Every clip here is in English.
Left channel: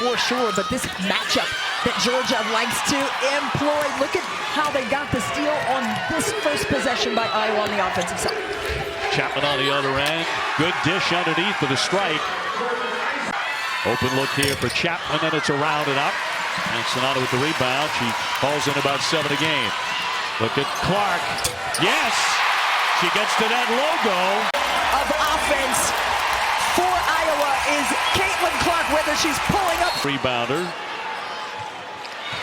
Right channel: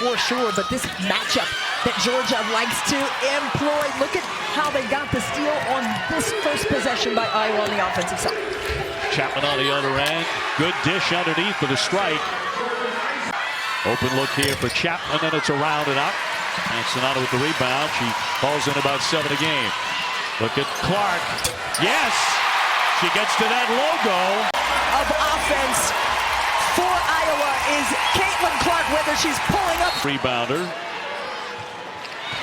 for sure, but this matchup that Georgia likes to employ. Look at how they got the steal on this first possession by Iowa on the offensive side. Chapman on the other end. Good dish underneath for the strike. Open look here for Chapman, and it's around and out. And Sonato with the rebound. She falls in about 7 a game. Look at Clark. Yes! She gets to that logo. Of offense for Iowa is Caitlin Clark, whether she's pulling up. Rebounder.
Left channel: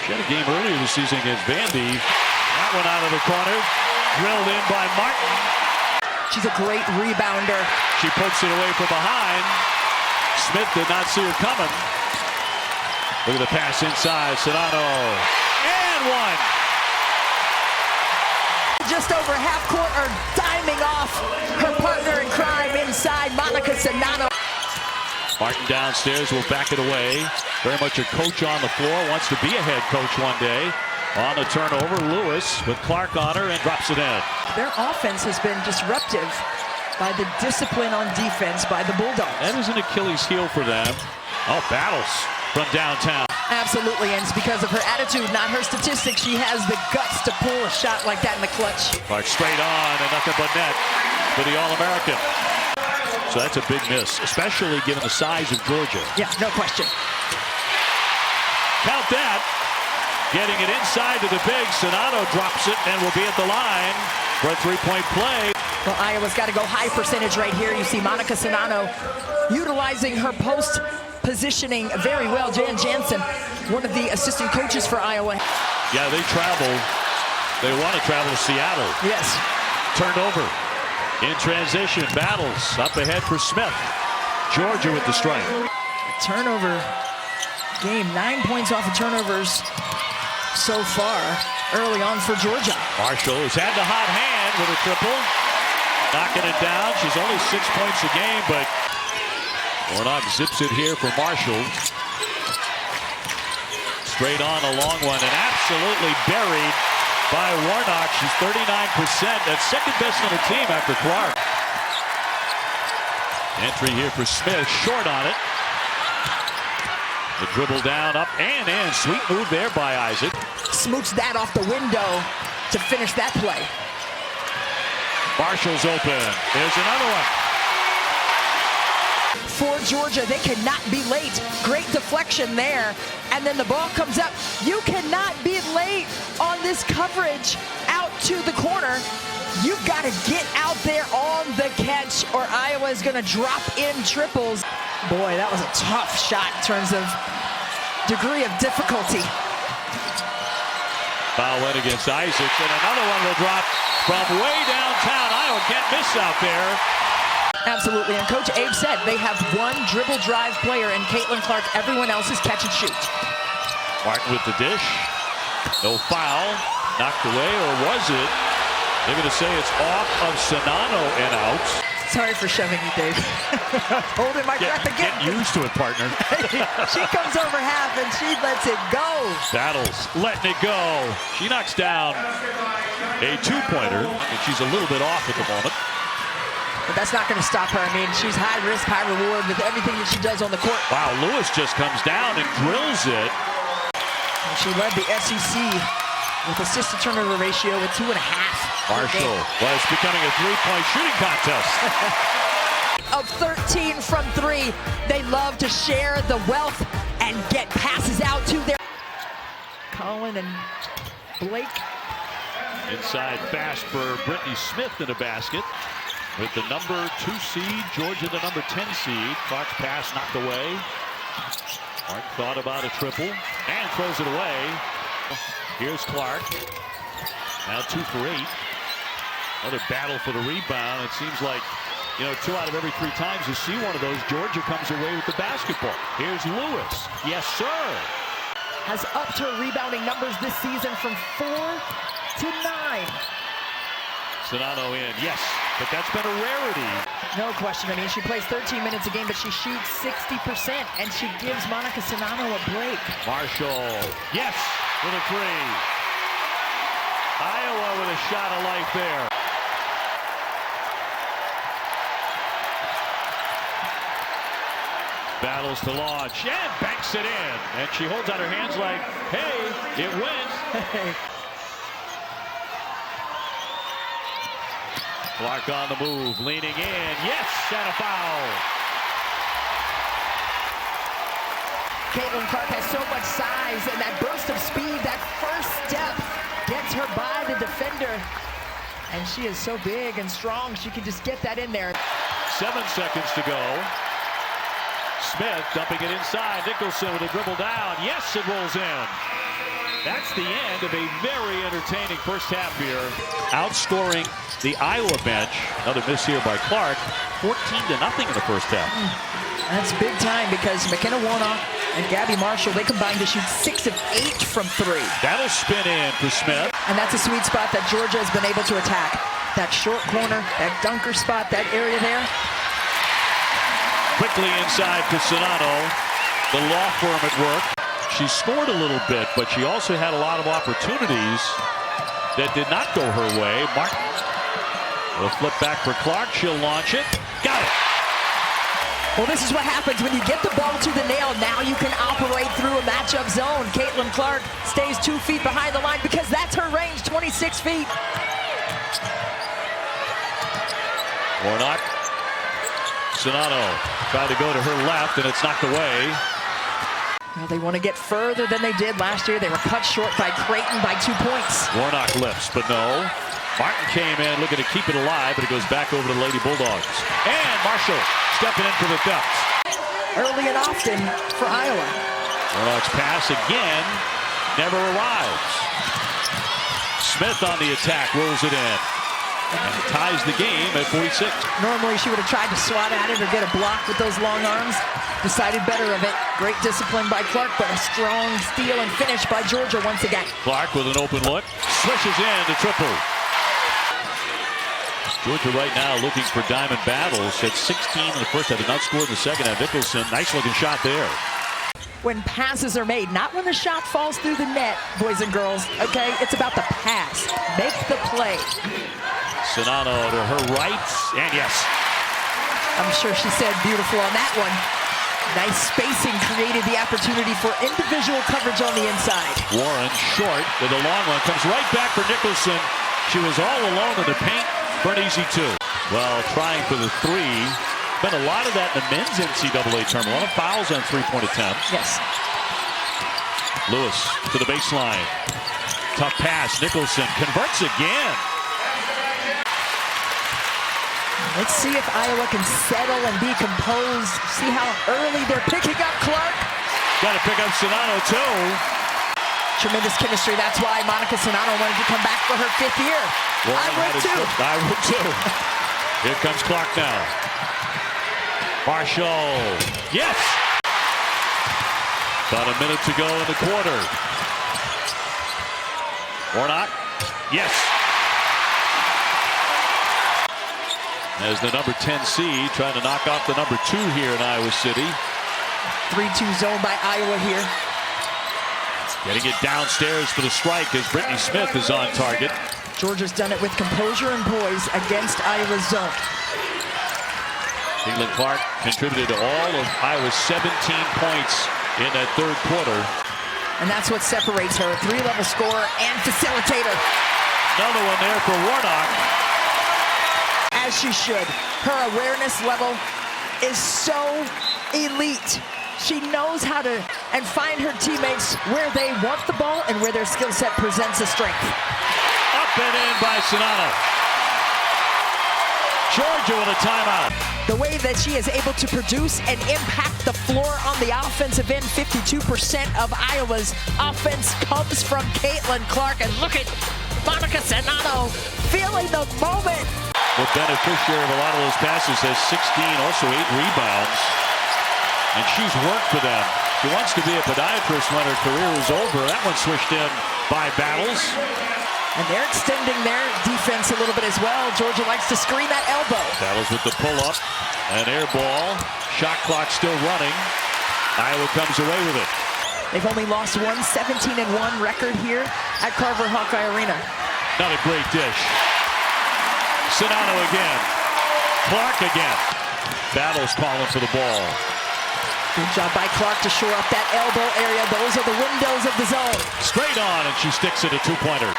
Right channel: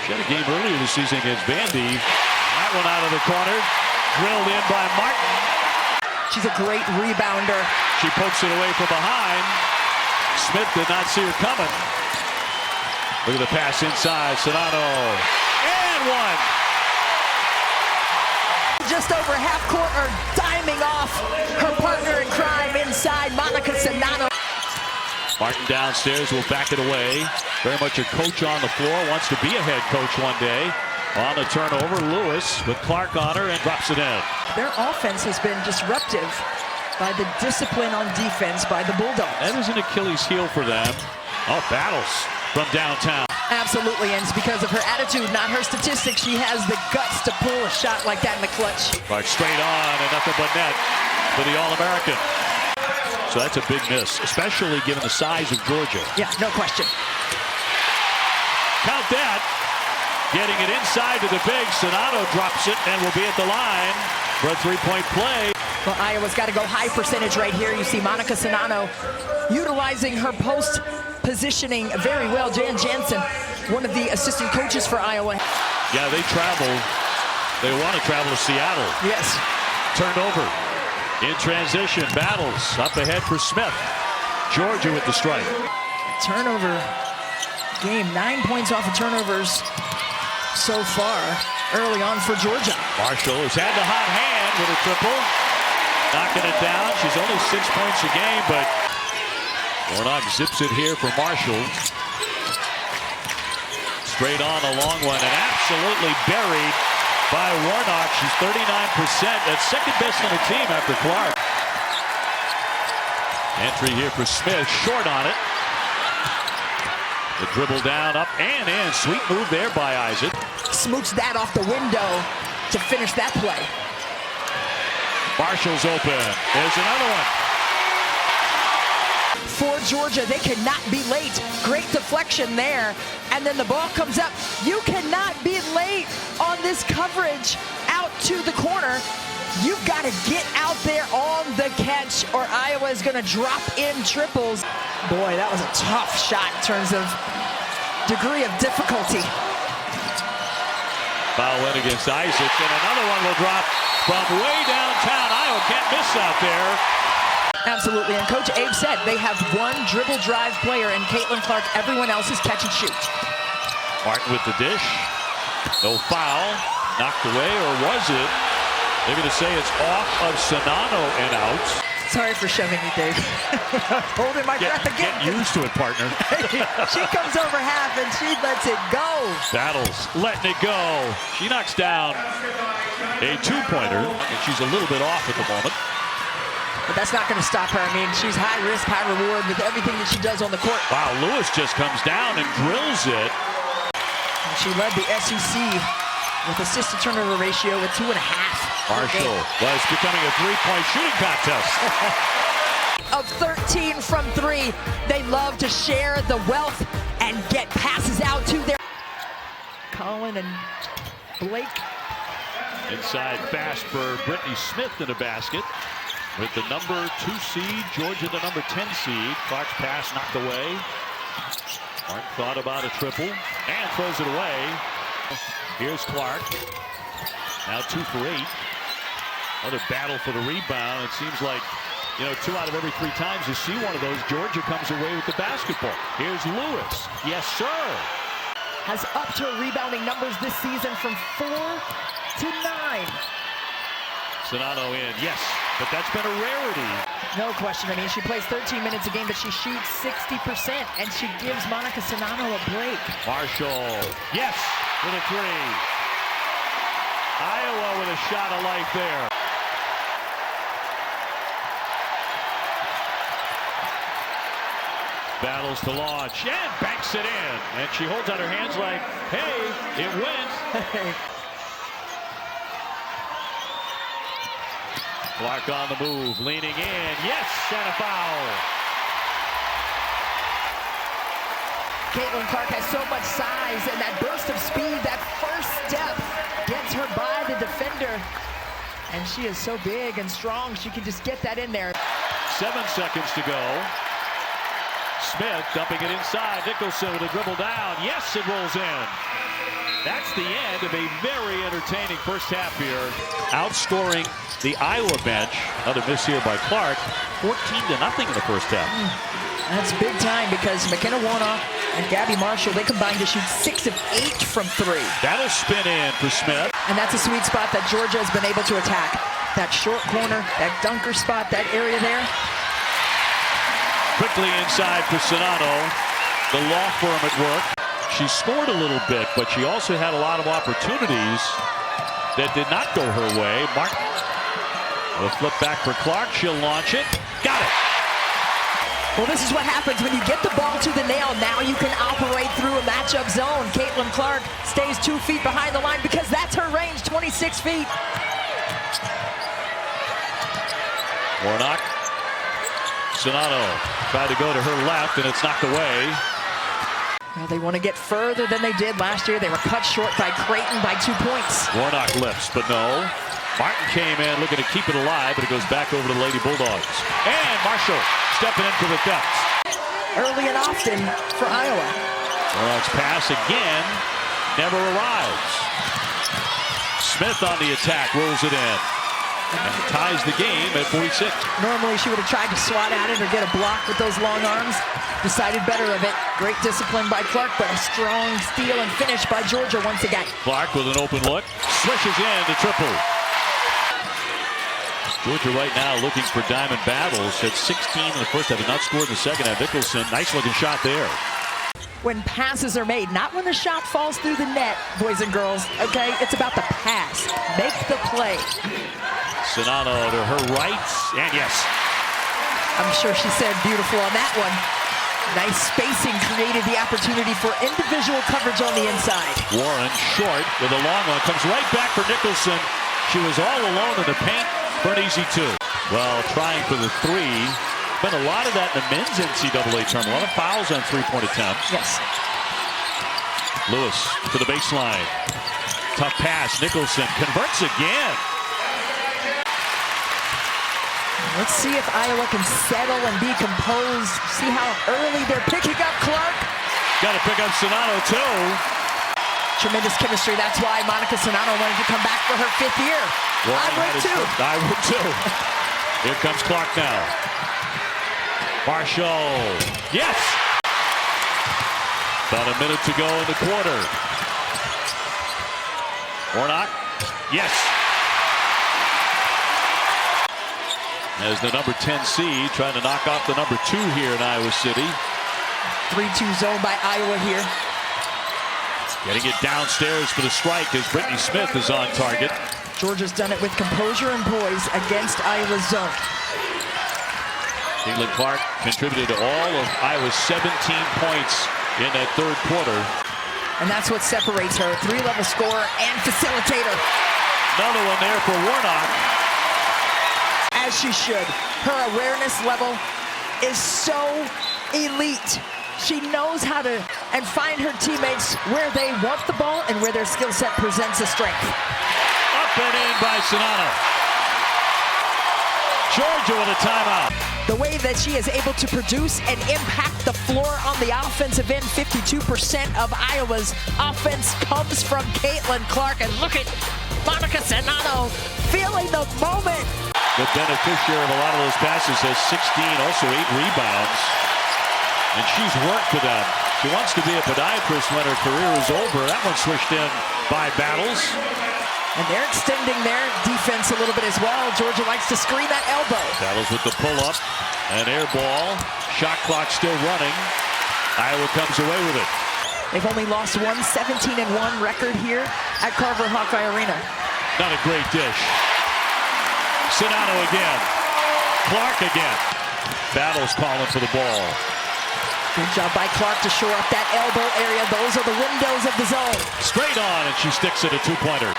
She had a game earlier this season against Vandy. That one out of the corner. Drilled in by Martin. She's a great rebounder. She pokes it away from behind. Smith did not see her coming. Look at the pass inside. Sonato. And one. Just over half court, or diming off her partner in crime inside, Monica Sonato. Martin downstairs will back it away. Very much a coach on the floor. Wants to be a head coach one day. On the turnover, Lewis with Clark on her and drops it in. Their offense has been disruptive by the discipline on defense by the Bulldogs. That is an Achilles heel for them. Oh, battles from downtown. Absolutely, and it's because of her attitude, not her statistics. She has the guts to pull a shot like that in the clutch. Clark straight on and nothing but net for the All-American. So that's a big miss, especially given the size of Georgia. Yeah, no question. Count that. Getting it inside to the big. Sonato drops it and will be at the line for a three-point play. Well, Iowa's got to go high percentage right here. You see Monica Sonato utilizing her post positioning very well. Jan Jansen, one of the assistant coaches for Iowa. Yeah, they travel. They want to travel to Seattle. Yes. Turned over. In transition, battles up ahead for Smith. Georgia with the strike. Turnover game, 9 points off of turnovers so far early on for Georgia. Marshall has had the hot hand with a triple. Knocking it down. She's only 6 points a game, but Warnock zips it here for Marshall. Straight on a long one and absolutely buried by Warnock. She's 39%. That's second best on the team after Clark. Entry here for Smith. Short on it. The dribble down, up and in. Sweet move there by Isaac. Smooched that off the window to finish that play. Marshall's open. There's another one. For Georgia, they cannot be late. Great deflection there. And then the ball comes up. You cannot be late on this coverage out to the corner. You've got to get out there on the catch, or Iowa is going to drop in triples. Boy, that was a tough shot in terms of degree of difficulty. Foul went against Isaac, and another one will drop from way downtown. Iowa can't miss out there. Absolutely, and Coach Abe said they have one dribble drive player in Caitlin Clark. Everyone else is catch and shoot. Martin with the dish. No foul. Knocked away, or was it? They're going to say it's off of Sonato and out. Sorry for shoving you, Dave. Holding my breath again. Get used to it, partner. She comes over half and she lets it go. Battles, letting it go. She knocks down a two-pointer, and she's a little bit off at the moment. But that's not going to stop her. I mean, she's high risk, high reward with everything that she does on the court. Wow, Lewis just comes down and drills it. And she led the SEC with assist to turnover ratio with 2.5. Marshall was becoming a three-point shooting contest. Of 13 from 3, they love to share the wealth and get passes out to their. Colin and Blake. Inside fast for Brittany Smith in a basket. With the number 2 seed, Georgia the number 10 seed. Clark's pass knocked away. Martin thought about a triple and throws it away. Here's Clark. Now 2 for 8. Another battle for the rebound. It seems like, 2 out of every 3 times you see one of those, Georgia comes away with the basketball. Here's Lewis. Yes, sir. Has upped her rebounding numbers this season from 4 to 9. Sonato in, yes, but that's been a rarity. No question. I mean, she plays 13 minutes a game, but she shoots 60%, and she gives Monica Sonato a break. Marshall, yes, with a 3. Iowa with a shot of life there. Battles to launch and banks it in. And she holds out her hands like, hey, it went. Hey. Clark on the move, leaning in. Yes, and a foul. Caitlin Clark has so much size, and that burst of speed, that first step gets her by the defender. And she is so big and strong, she can just get that in there. 7 seconds to go. Smith dumping it inside. Nicholson with a dribble down. Yes, it rolls in. That's the end of a very entertaining first half here. Outscoring the Iowa bench. Another miss here by Clark. 14-0 in the first half. That's big time because McKenna Warnock and Gabby Marshall, they combined to shoot 6 of 8 from 3. That'll spin in for Smith. And that's a sweet spot that Georgia has been able to attack. That short corner, that dunker spot, that area there. Quickly inside for Sonano. The law firm at work. She scored a little bit, but she also had a lot of opportunities that did not go her way. Martin will flip back for Clark. She'll launch it. Got it. Well, this is what happens when you get the ball to the nail. Now you can operate through a matchup zone. Caitlin Clark stays 2 feet behind the line because that's her range, 26 feet. Warnock. Sonano tried to go to her left, and it's knocked away. Well, they want to get further than they did last year. They were cut short by Creighton by 2 points. Warnock lifts, but no. Martin came in looking to keep it alive, but it goes back over to the Lady Bulldogs. And Marshall stepping in for the theft. Early and often for Iowa. Warnock's pass again never arrives. Smith on the attack, rolls it in. And ties the game at 46. Normally she would have tried to swat at it or get a block with those long arms. Decided better of it. Great discipline by Clark, but a strong steal and finish by Georgia once again. Clark with an open look. Swishes in to triple. Georgia right now looking for diamond battles. At 16 in the first half. Did not score in the second half. Nicholson, nice looking shot there. When passes are made, not when the shot falls through the net, boys and girls, okay? It's about the pass. Make the play. Sonano to her right, and yes. I'm sure she said beautiful on that one. Nice spacing created the opportunity for individual coverage on the inside. Warren short with a long one. Comes right back for Nicholson. She was all alone in the paint for an easy 2. Well, trying for the 3. Been a lot of that in the men's NCAA tournament. A lot of fouls on 3-point attempts. Yes. Lewis to the baseline. Tough pass. Nicholson converts again. Let's see if Iowa can settle and be composed. See how early they're picking up Clark. Got to pick up Sonano too. Tremendous chemistry. That's why Monica Sonano wanted to come back for her 5th year. Well, I would too. I would too. Here comes Clark now. Marshall. Yes. About a minute to go in the quarter. Warnock. Yes. As the number 10 seed trying to knock off the number 2 here in Iowa City. 3-2 zone by Iowa here. Getting it downstairs for the strike as Brittany Smith is on target. Georgia's done it with composure and poise against Iowa's zone. Caitlin Clark contributed to all of Iowa's 17 points in that third quarter. And that's what separates her. 3-level scorer and facilitator. Another one there for Warnock. As she should. Her awareness level is so elite. She knows how to find her teammates where they want the ball and where their skill set presents a strength. Up and in by Sonano. Georgia with a timeout. The way that she is able to produce and impact the floor on the offensive end, 52% of Iowa's offense comes from Caitlin Clark. And look at Monica Sonano feeling the moment. The beneficiary of a lot of those passes has 16, also 8 rebounds. And she's worked for them. She wants to be a podiatrist when her career is over. That one swished in by Battles. And they're extending their defense a little bit as well. Georgia likes to screen that elbow. Battles with the pull-up. An air ball. Shot clock still running. Iowa comes away with it. They've only lost one 17-1 record here at Carver Hawkeye Arena. Not a great dish. Sonano again. Clark again. Battles calling for the ball. Good job by Clark to shore up that elbow area. Those are the windows of the zone. Straight on, and she sticks it a two-pointer.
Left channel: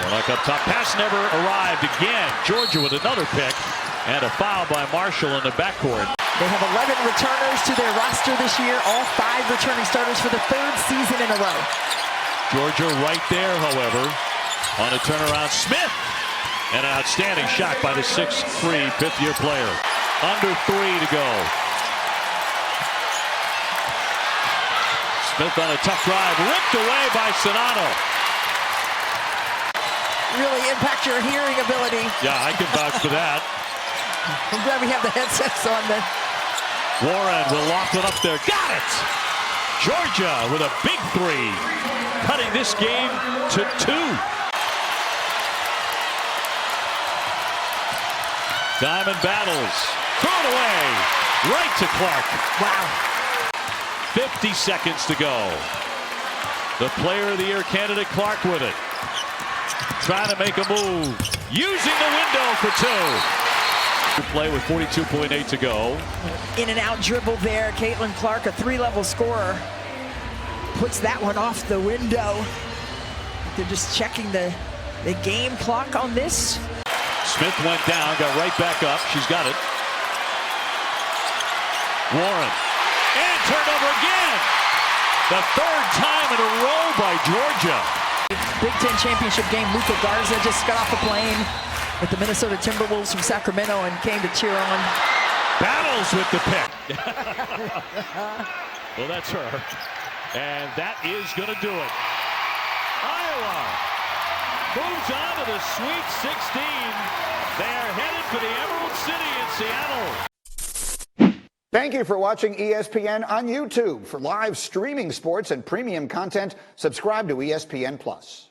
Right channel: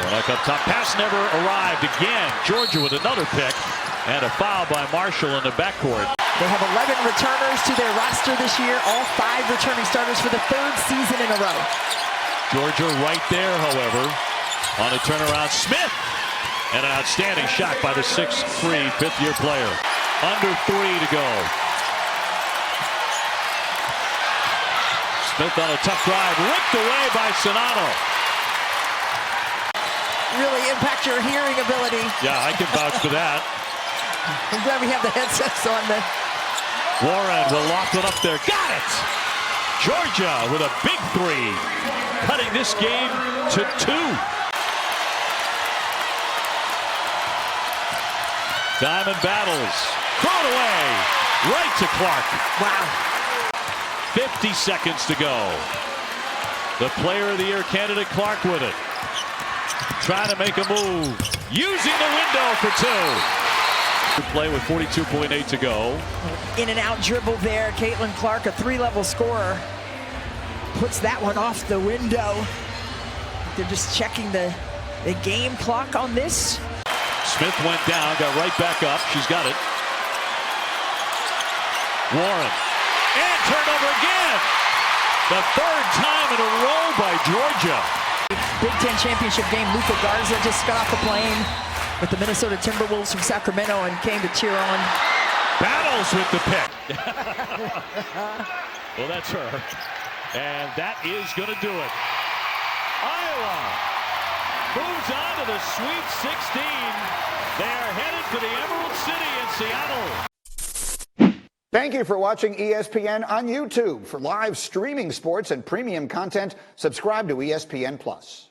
Warnock up top. Pass never arrived again. Georgia with another pick. And a foul by Marshall in the backcourt. They have 11 returners to their roster this year. All 5 returning starters for the 3rd season in a row. Georgia right there, however, on a turnaround. Smith. And an outstanding shot by the 6'3", fifth-year player. Under 3 to go. Smith on a tough drive. Ripped away by Sonato. Really impact your hearing ability. Yeah, I can vouch for that. I'm glad we have the headsets on. Warren will loft it up there. Got it! Georgia with a big 3. Cutting this game to 2. Diamond battles. Throw it away. Right to Clark. Wow. 50 seconds to go. The player of the year candidate Clark with it. Trying to make a move. Using the window for 2. To play with 42.8 to go. In and out dribble there. Caitlin Clark, a 3-level scorer. Puts that one off the window. They're just checking the game clock on this. Smith went down, got right back up. She's got it. Warren. And turned over again. The 3rd time in a row by Georgia. Big Ten championship game. Luca Garza just got off a plane with the Minnesota Timberwolves from Sacramento and came to cheer on. Battles with the pick. Well, that's her. And that is going to do it. Iowa moves on to the Sweet 16. They are headed for the Emerald City in Seattle. Thank you for watching ESPN on YouTube. For live streaming sports and premium content, subscribe to ESPN+.